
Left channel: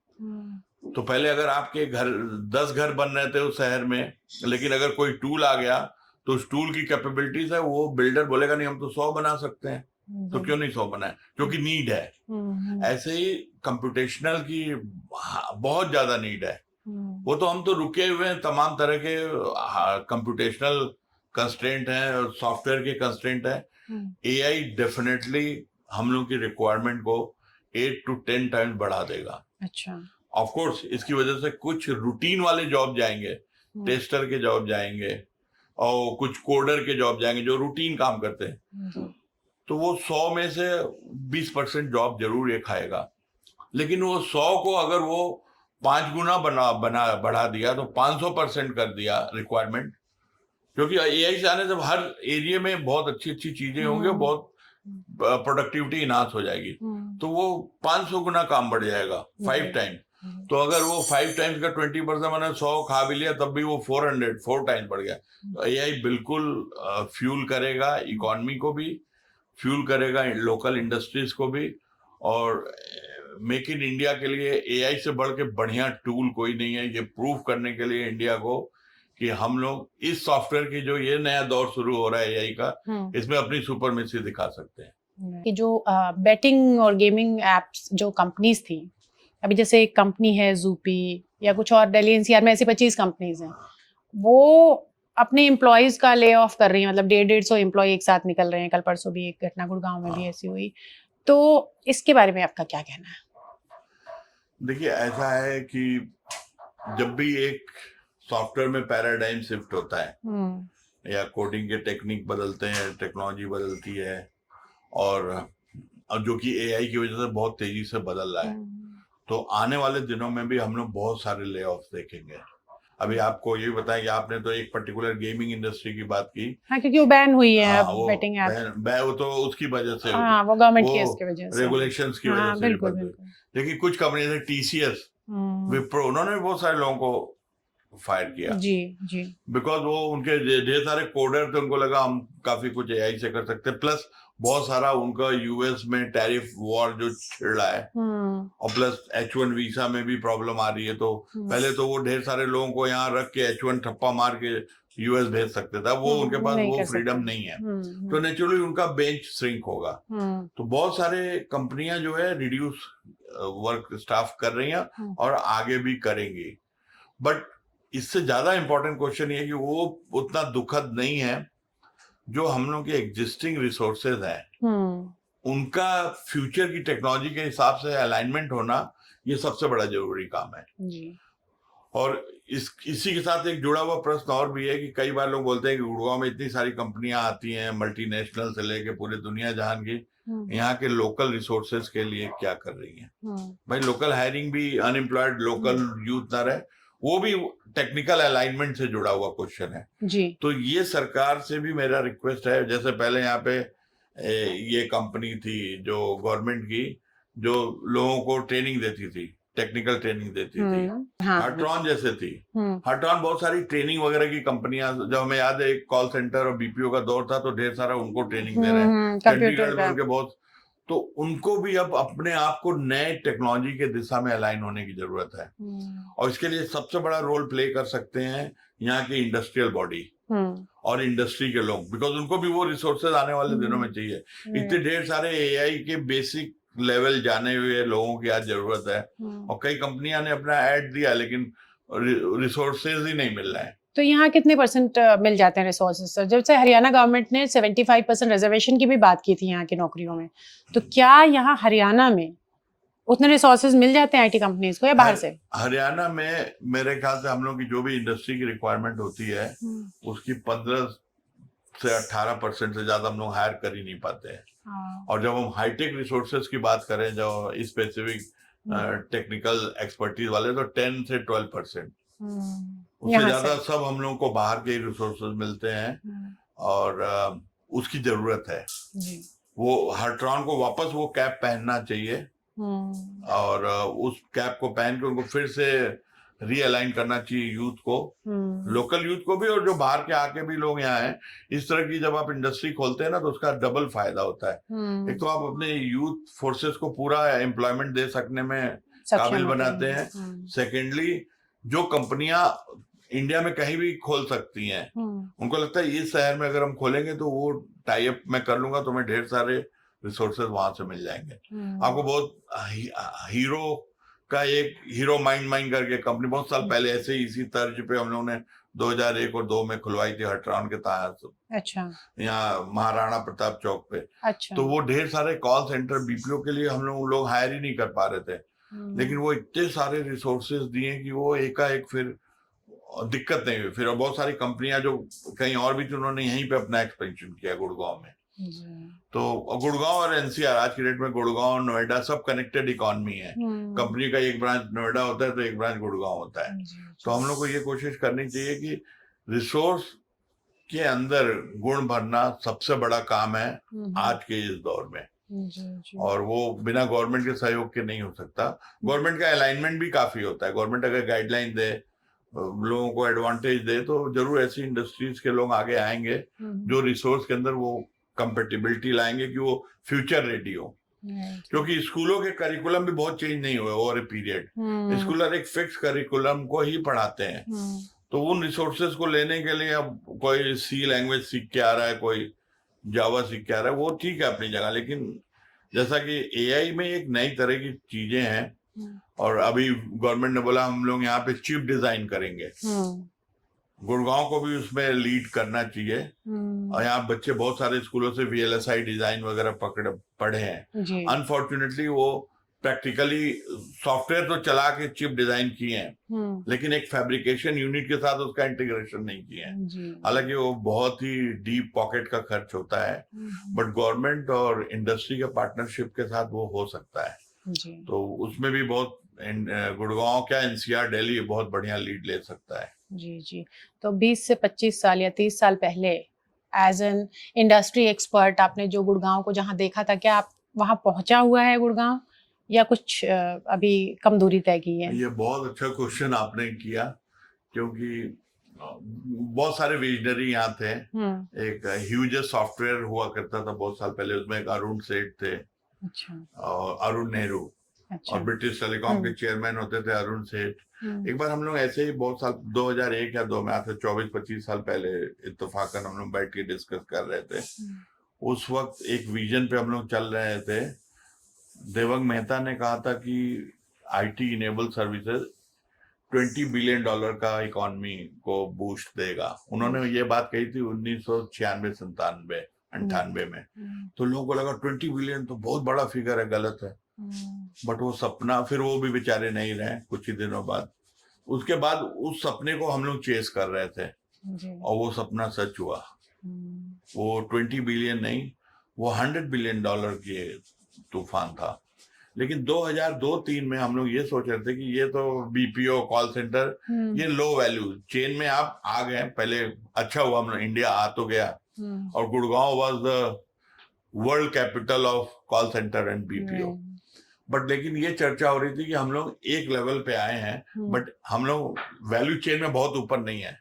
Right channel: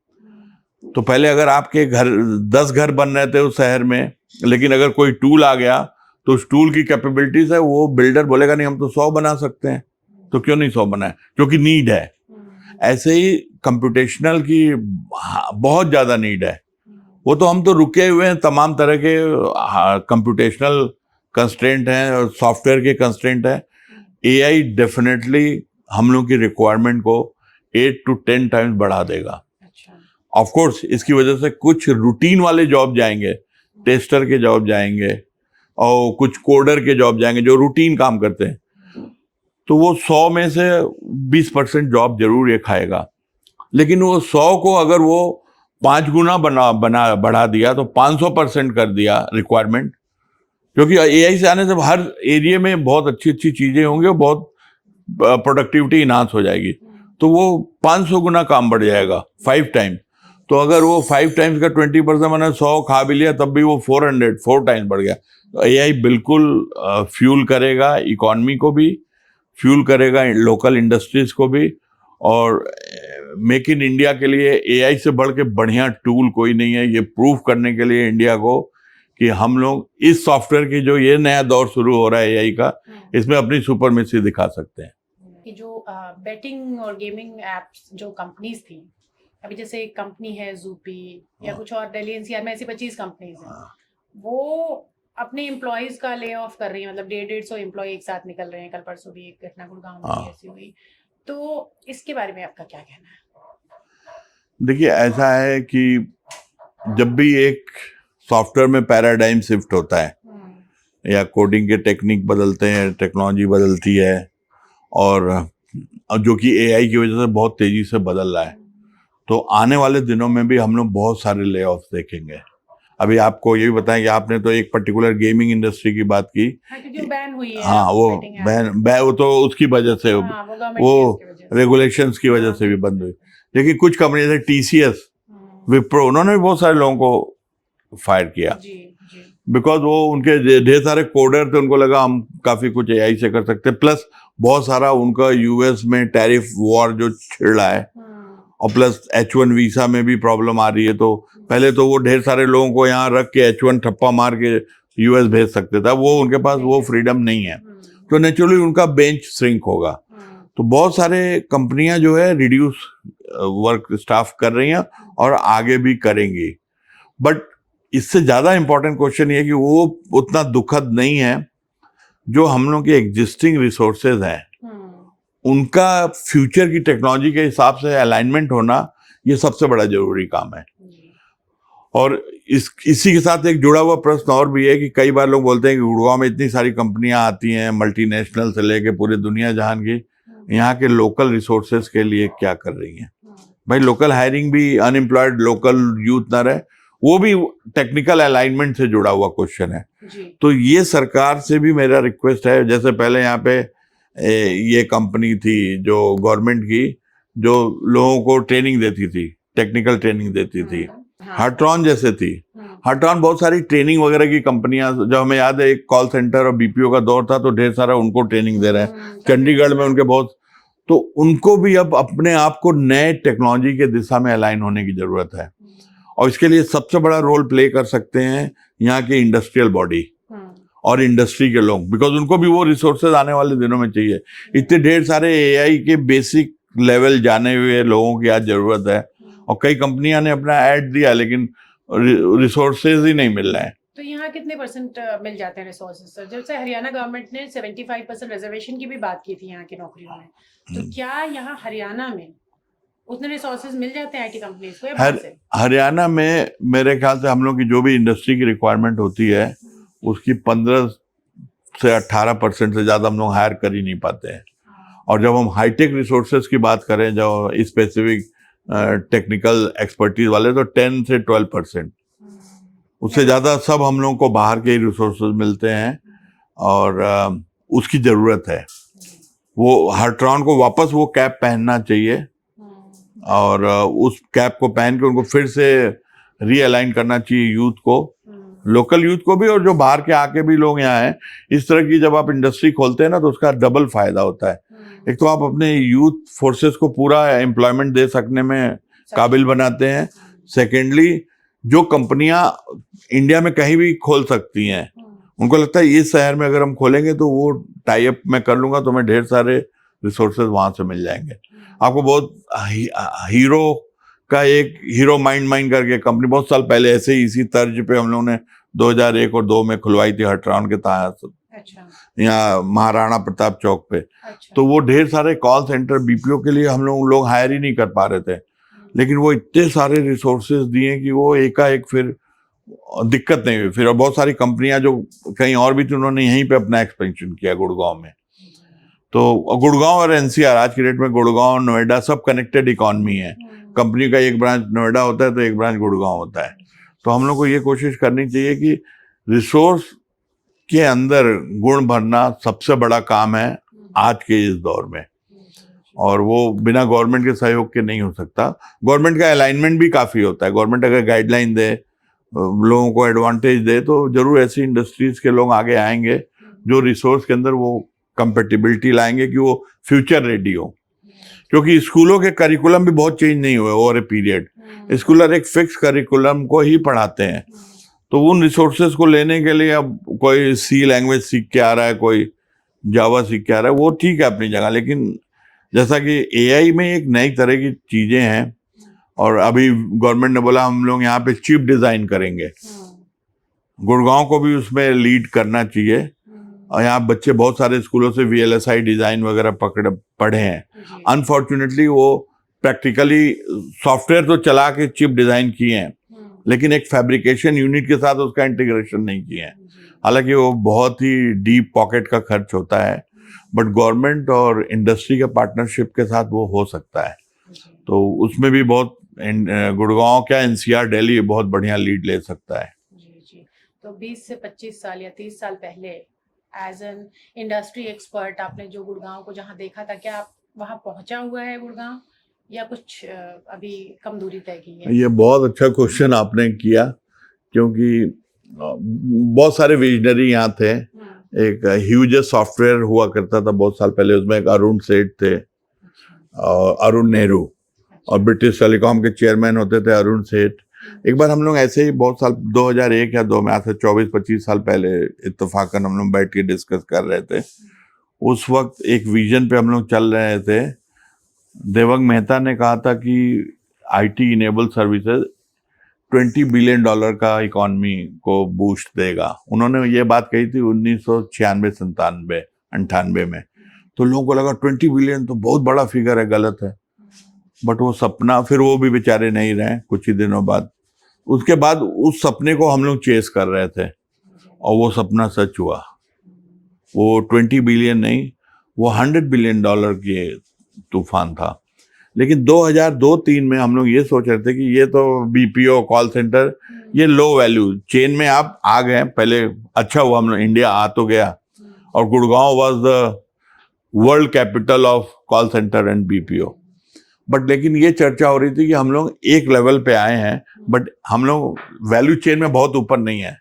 तो पहले अगर आपके घर 10 घर बन रहे थे उस शहर में, लेकिन अगर कोई टूल आ गया तो उस टूल की कैपेबिलिटीज है, वो बिल्डर बोलेगा नहीं हम तो 100 बना सकते हैं, तो क्यों नहीं 100 बनाए, क्योंकि नीड है। ऐसे ही कंप्यूटेशनल की बहुत ज्यादा नीड है। वो तो हम तो रुके हुए हैं, तमाम तरह के कंप्यूटेशनल कंस्ट्रेंट हैं और सॉफ्टवेयर के कंस्ट्रेंट है। AI डेफिनेटली हम लोग की रिक्वायरमेंट को 8 to 10 टाइम्स बढ़ा देगा। अच्छा, ऑफ कोर्स इसकी वजह से कुछ रूटीन वाले जॉब जाएंगे, टेस्टर के जॉब जाएंगे और कुछ कोडर के जॉब जाएंगे जो रूटीन काम करते हैं, तो वो 100 में से 20% जॉब जरूर ये खाएगा। लेकिन वो 100 को अगर वो 5 गुना बढ़ा दिया तो 500% कर दिया रिक्वायरमेंट, क्योंकि AI से आने से हर एरिया में बहुत अच्छी अच्छी चीजें होंगी और बहुत प्रोडक्टिविटी इनहांस हो जाएगी, तो वो 500 गुना काम बढ़ जाएगा, 5 टाइम। तो अगर वो 5 टाइम्स का 20% मैंने 100 खा भी लिया, तब भी वो 4 टाइम्स बढ़ गया। तो AI बिल्कुल फ्यूल करेगा इकोनॉमी को भी, फ्यूल करेगा लोकल इंडस्ट्रीज को भी, और मेक इन इंडिया के लिए AI से बढ़ के बढ़िया टूल कोई नहीं है। ये प्रूव करने के लिए इंडिया को कि हम लोग इस सॉफ्टवेयर की जो ये नया दौर शुरू हो रहा है AI का, इसमें अपनी सुपरमेसी दिखा सकते हैं। कि जो बेटिंग और गेमिंग एप्स जो कंपनीज थी, अभी जैसे एक कंपनी है ज़ूपी या कुछ और, दिल्ली NCR में ऐसी 25 कंपनीज हैं, वो अपने एम्प्लॉयज का ले ऑफ कर रही हैं, मतलब 150 एम्प्लॉय एक साथ निकल रहे हैं। कल परसों भी एक घटना गुड़गांव में भी ऐसी हुई, तो इसके बारे में आपका क्या कहना है? देखिए, ऐसा है कि जब भी एक सॉफ्टवेयर में पैराडाइम शिफ्ट होता है, या कोडिंग के टेक्निक बदलते हैं, टेक्नोलॉजी बदलती है, और जो कि एआई की वजह से बहुत तेजी से बदल रहा है। तो आने वाले दिनों में भी हम लोग बहुत सारे ले ऑफ देखेंगे। अभी आपको ये भी बताएं कि आपने तो एक पर्टिकुलर गेमिंग इंडस्ट्री की बात की। हाँ, क्योंकि वो बैन हुई है। हाँ, वो betting app। वो तो उसकी वजह से, हाँ, वो गवर्नमेंट वो की इसकी वजह से, रेगुलेशंस की वजह हाँ, से भी बिल्कुल, बंद हुई। बिल्कुल। लेकिन कुछ कंपनी जैसे टीसीएस, विप्रो, उन्होंने भी बहुत सारे लोगों को फायर किया, जी जी। बिकॉज वो उनके ढेर सारे कोडर थे, उनको लगा हम काफी कुछ एआई से कर सकते हैं। प्लस बहुत सारा उनका यूएस में टैरिफ वॉर जो छिड़ रहा है, और प्लस H1 वीसा में भी प्रॉब्लम आ रही है। तो पहले तो वो ढेर सारे लोगों को यहाँ रख के H1 ठप्पा मार के यूएस भेज सकते थे, वो उनके पास वो फ्रीडम नहीं है, तो नेचुरली उनका बेंच श्रिंक होगा। तो बहुत सारे कंपनियां जो है रिड्यूस वर्क स्टाफ कर रही हैं और आगे भी करेंगी। बट इससे ज्यादा इंपॉर्टेंट क्वेश्चन ये कि वो उतना दुखद नहीं है। जो हम लोग के एग्जिस्टिंग रिसोर्सेज हैं, उनका फ्यूचर की टेक्नोलॉजी के हिसाब से अलाइनमेंट होना, ये सबसे बड़ा जरूरी काम है। और इसी के साथ एक जुड़ा हुआ प्रश्न और भी है कि कई बार लोग बोलते हैं कि गुड़गांव में इतनी सारी कंपनियां आती हैं, मल्टीनेशनल से लेके पूरी दुनिया जहान की, यहाँ के लोकल रिसोर्सेज के लिए क्या कर रही हैं? भाई, लोकल हायरिंग भी, अनएम्प्लॉयड लोकल यूथ ना रहे, वो भी टेक्निकल अलाइनमेंट से जुड़ा हुआ क्वेश्चन है जी। तो ये सरकार से भी मेरा रिक्वेस्ट है, जैसे पहले यहाँ पे ये कंपनी थी जो गवर्नमेंट की, जो लोगों को ट्रेनिंग देती थी, टेक्निकल ट्रेनिंग देती थी, हार्ट्रॉन जैसे थी। हार्ट्रॉन बहुत सारी ट्रेनिंग वगैरह की कंपनियां, जब हमें याद है एक कॉल सेंटर और बीपीओ का दौर था, तो ढेर सारा उनको ट्रेनिंग दे रहे हैं। चंडीगढ़ में उनके बहुत, तो उनको भी अब अपने आप को नए टेक्नोलॉजी के दिशा में अलाइन होने की जरूरत है। और इसके लिए सबसे बड़ा रोल प्ले कर सकते हैं यहाँ के इंडस्ट्रियल बॉडी और इंडस्ट्री के लोग, बिकॉज उनको भी वो रिसोर्सेज आने वाले दिनों में चाहिए। इतने ढेर सारे एआई के बेसिक लेवल जाने हुए लोगों की आज जरूरत है, और कई कंपनियां ने अपना ऐड दिया, लेकिन रिसोर्सेज ही नहीं मिल रहे हैं। तो यहाँ कितने परसेंट मिल जाते हैं रिसोर्सेज सर? जैसे हरियाणा गवर्नमेंट ने 75% रिजर्वेशन की भी बात की थी यहाँ की नौकरियों में, तो क्या यहाँ हरियाणा में उतने रिसोर्सेज मिल जाते हैं आईटी कंपनीज को, या बाहर से? हरियाणा में मेरे ख्याल से हम लोग की जो भी इंडस्ट्री की रिक्वायरमेंट होती है, उसकी 15 से 18% से ज्यादा हम लोग हायर कर ही नहीं पाते हैं। और जब हम हाईटेक रिसोर्सेज की बात करें, जो स्पेसिफिक टेक्निकल एक्सपर्टीज वाले, तो 10 से 12%, उससे ज्यादा सब हम लोगों को बाहर के ही रिसोर्सेज मिलते हैं, और उसकी जरूरत है। वो हार्ट्रॉन को वापस वो कैप पहनना चाहिए, और उस कैप को पहन के उनको फिर से रीअलाइन करना चाहिए यूथ को, लोकल यूथ को भी, और जो बाहर के आके भी लोग यहाँ हैं। इस तरह की जब आप इंडस्ट्री खोलते हैं ना, तो उसका डबल फायदा होता है। एक तो आप अपने यूथ फोर्सेस को पूरा एम्प्लॉयमेंट दे सकने में काबिल बनाते हैं। सेकेंडली, जो कंपनियां इंडिया में कहीं भी खोल सकती हैं, उनको लगता है इस शहर में अगर हम खोलेंगे तो वो टाई अप मैं कर लूंगा, तो मैं ढेर सारे रिसोर्सेज वहां से मिल जाएंगे। आपको बहुत हीरो का एक हीरो माइंड करके कंपनी बहुत साल पहले ऐसे ही इसी तर्ज पे हम लोगों ने 2001 और 2 में खुलवाई थी, हार्ट्रॉन के तहत। अच्छा। यहाँ महाराणा प्रताप चौक पे। अच्छा। तो वो ढेर सारे कॉल सेंटर बीपीओ के लिए हम लोग हायर ही नहीं कर पा रहे थे, लेकिन वो इतने सारे रिसोर्सेज दिए कि वो एकाएक फिर दिक्कत नहीं हुई। फिर और बहुत सारी कंपनियां जो कहीं और भी थी, उन्होंने यहीं पे अपना एक्सपेंशन किया गुड़गांव में। तो गुड़गांव और एनसीआर, आज की डेट में गुड़गांव, नोएडा सब कनेक्टेड इकोनॉमी है। कंपनी का एक ब्रांच नोएडा होता है तो एक ब्रांच गुड़गांव होता है। तो हम लोग को ये कोशिश करनी चाहिए कि रिसोर्स के अंदर गुण भरना सबसे बड़ा काम है आज के इस दौर में, और वो बिना गवर्नमेंट के सहयोग के नहीं हो सकता। गवर्नमेंट का अलाइनमेंट भी काफी होता है। गवर्नमेंट अगर गाइडलाइन दे, लोगों को एडवांटेज दे, तो जरूर ऐसी इंडस्ट्रीज के लोग आगे आएंगे जो रिसोर्स के अंदर वो कंपेटिबिलिटी लाएंगे कि वो फ्यूचर रेडी हो। क्योंकि स्कूलों के करिकुलम भी बहुत चेंज नहीं हुए ओवर ए पीरियड। स्कूलर एक फिक्स करिकुलम को ही पढ़ाते हैं, तो उन रिसोर्सेज को लेने के लिए अब कोई सी लैंग्वेज सीख के आ रहा है, कोई जावा सीख के आ रहा है, वो ठीक है अपनी जगह, लेकिन जैसा कि एआई में एक नई तरह की चीजें हैं, और अभी गवर्नमेंट ने बोला हम लोग यहाँ पे चिप डिजाइन करेंगे, गुड़गांव को भी उसमें लीड करना चाहिए। और यहाँ बच्चे बहुत सारे स्कूलों से VLSI डिजाइन वगैरह पढ़े हैं। अनफॉर्चुनेटली वो प्रैक्टिकली सॉफ्टवेयर तो चला के चिप डिजाइन किए हैं, लेकिन एक फैब्रिकेशन यूनिट के साथ उसका इंटीग्रेशन नहीं किया है। हालांकि वो बहुत ही डीप पॉकेट का खर्च होता है, बट गवर्नमेंट और इंडस्ट्री के पार्टनरशिप के साथ वो हो सकता है। तो उसमें भी बहुत गुड़गांव क्या एनसीआर दिल्ली बहुत बढ़िया लीड ले सकता है। जी जी। तो 20 से 25 साल या 30 साल पहले एज एन इंडस्ट्री एक्सपर्ट आपने जो गुड़गांव को जहां देखा था, क्या आप वहां पहुंचा हुआ है गुड़गांव, या कुछ अभी कम दूरी तय की है? ये बहुत अच्छा क्वेश्चन आपने किया, क्योंकि बहुत सारे विजनरी यहाँ थे। एक ह्यूज सॉफ्टवेयर हुआ करता था बहुत साल पहले, उसमें एक अरुण सेठ थे। अच्छा। और अरुण नेहरू। अच्छा। और ब्रिटिश टेलीकॉम के चेयरमैन होते थे अरुण सेठ। एक बार हम लोग ऐसे ही बहुत साल 2001 या 2 में, आज से 24-25 साल पहले इत्तेफाकन हम लोग बैठ के डिस्कस कर रहे थे। उस वक्त एक विजन पे हम लोग चल रहे थे। देवंग मेहता ने कहा था कि आईटी इनेबल सर्विसेज $20 बिलियन का इकोनॉमी को बूस्ट देगा। उन्होंने ये बात कही थी 1996, 97 में। तो लोगों को लगा 20 बिलियन तो बहुत बड़ा फिगर है, गलत है। बट वो सपना, फिर वो भी बेचारे नहीं रहे कुछ ही दिनों बाद। उसके बाद उस सपने को हम लोग चेस कर रहे थे और वो सपना सच हुआ। वो 20 बिलियन नहीं, वो $100 बिलियन की तूफान था। लेकिन 2002-03 में हम लोग ये सोच रहे थे कि ये तो बीपीओ कॉल सेंटर, ये लो वैल्यू चेन में आप आ गए पहले। अच्छा हुआ हम लोग इंडिया आ तो गया, और Gurgaon was the world capital of call centre and BPO. But लेकिन ये चर्चा हो रही थी कि हम लोग एक लेवल पे आए हैं, बट हम लोग वैल्यू चेन में बहुत ऊपर नहीं है।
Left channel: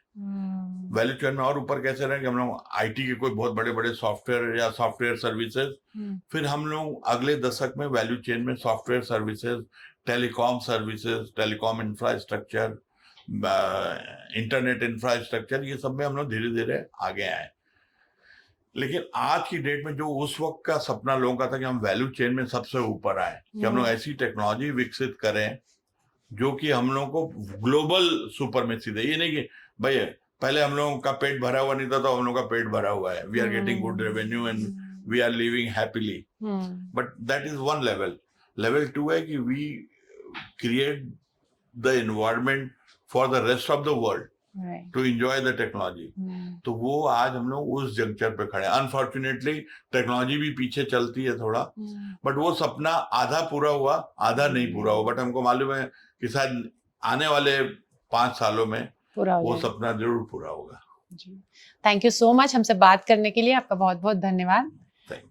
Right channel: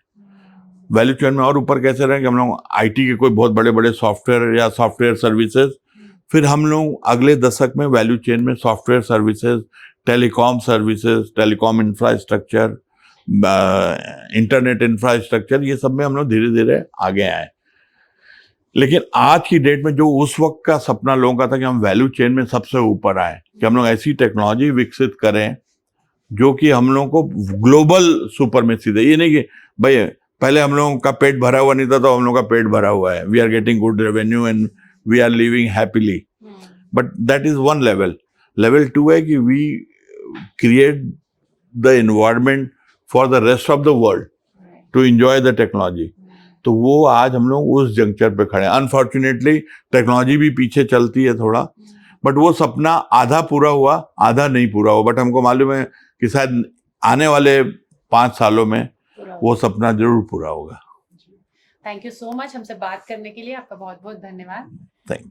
वैल्यू चेन में और ऊपर कैसे रहें कि हम लोग आईटी के कोई बहुत बड़े बड़े सॉफ्टवेयर या सॉफ्टवेयर सर्विसेज, फिर हम लोग अगले दशक में वैल्यू चेन में software services, services, telecom infrastructure, internet infrastructure, ये सब में हम लोग धीरे धीरे आगे आए। लेकिन आज की डेट में जो उस वक्त का सपना लोगों का था कि हम वैल्यू चेन में सबसे ऊपर आए, कि हम लोग ऐसी टेक्नोलॉजी विकसित करें जो कि हम लोगों को ग्लोबल सुपरमेसी दे। ये नहीं कि भाई पहले हम लोगों का पेट भरा हुआ नहीं था तो हम लोगों का पेट भरा हुआ है, we are getting good revenue and we are living happily, but that is one level. Level 2 है कि we create the environment for the rest of the world to enjoy the technology. तो वो आज हम लोग उस जंक्चर पे खड़े हैं। अनफॉर्चुनेटली टेक्नोलॉजी भी पीछे चलती है थोड़ा, बट वो सपना आधा पूरा हुआ, आधा नहीं पूरा हुआ। बट हमको मालूम है कि शायद आने वाले 5 सालों में वो सपना जरूर पूरा होगा। थैंक यू सो मच, हमसे बात करने के लिए आपका बहुत बहुत धन्यवाद। Thank you.